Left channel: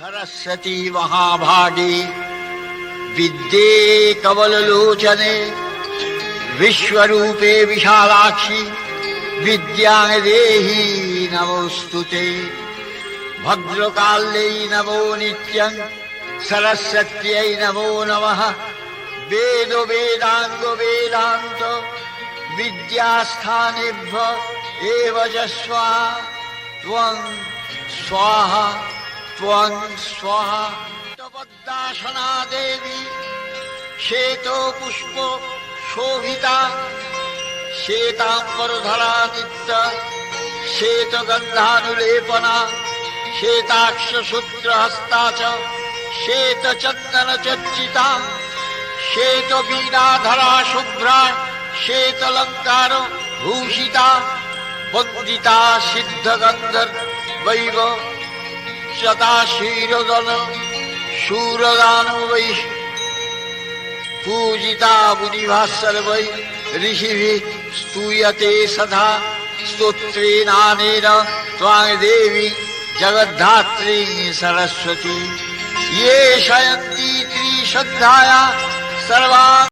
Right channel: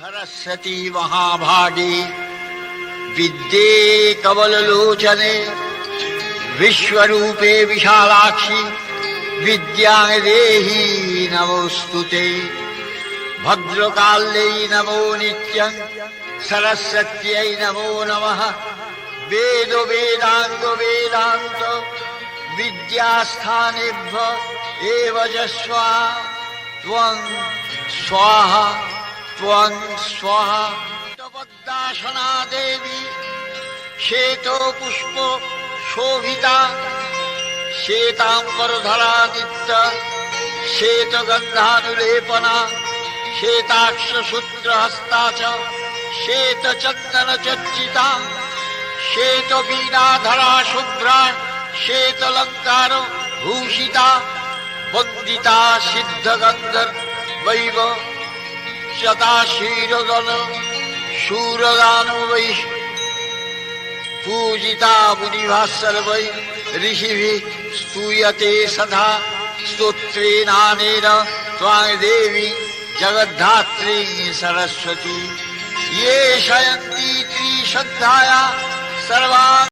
सरस्वती महाभागे विद्ये कमललोचने विश्वरूपे विशालाक्षि विद्यां देहि नमोस्तुते। भद्रकाल्यै नमो नित्यं सरस्वत्यै नमो नमः। वेद वेदांग वेदांत विद्यास्थानेभ्य एव च स्वाहा त्वं स्वाहा त्वं स्वाहा। पद्मासना देवी श्वेतो पुष्प शोभिता श्वेतांबरधरा नित्य श्वेतगन्धानुलेपना श्वेताक्षसूत्रहस्ता च श्वेतचन्दनचर्चिता श्वेतवीणाधरा शुभ्रा श्वेतालङ्कार भूषिता वन्दिता सिद्धगन्धर्वैव सदा क्षीरगण शूरगानुवै पूजिता मुनिभः सर्वै ऋषिभिः स्तूयते सदा स्तोत्रेणानेन त्वां देवी जगद्धात्री सरस्वती। ये शयन्ति त्रिशद्धाया सर्वा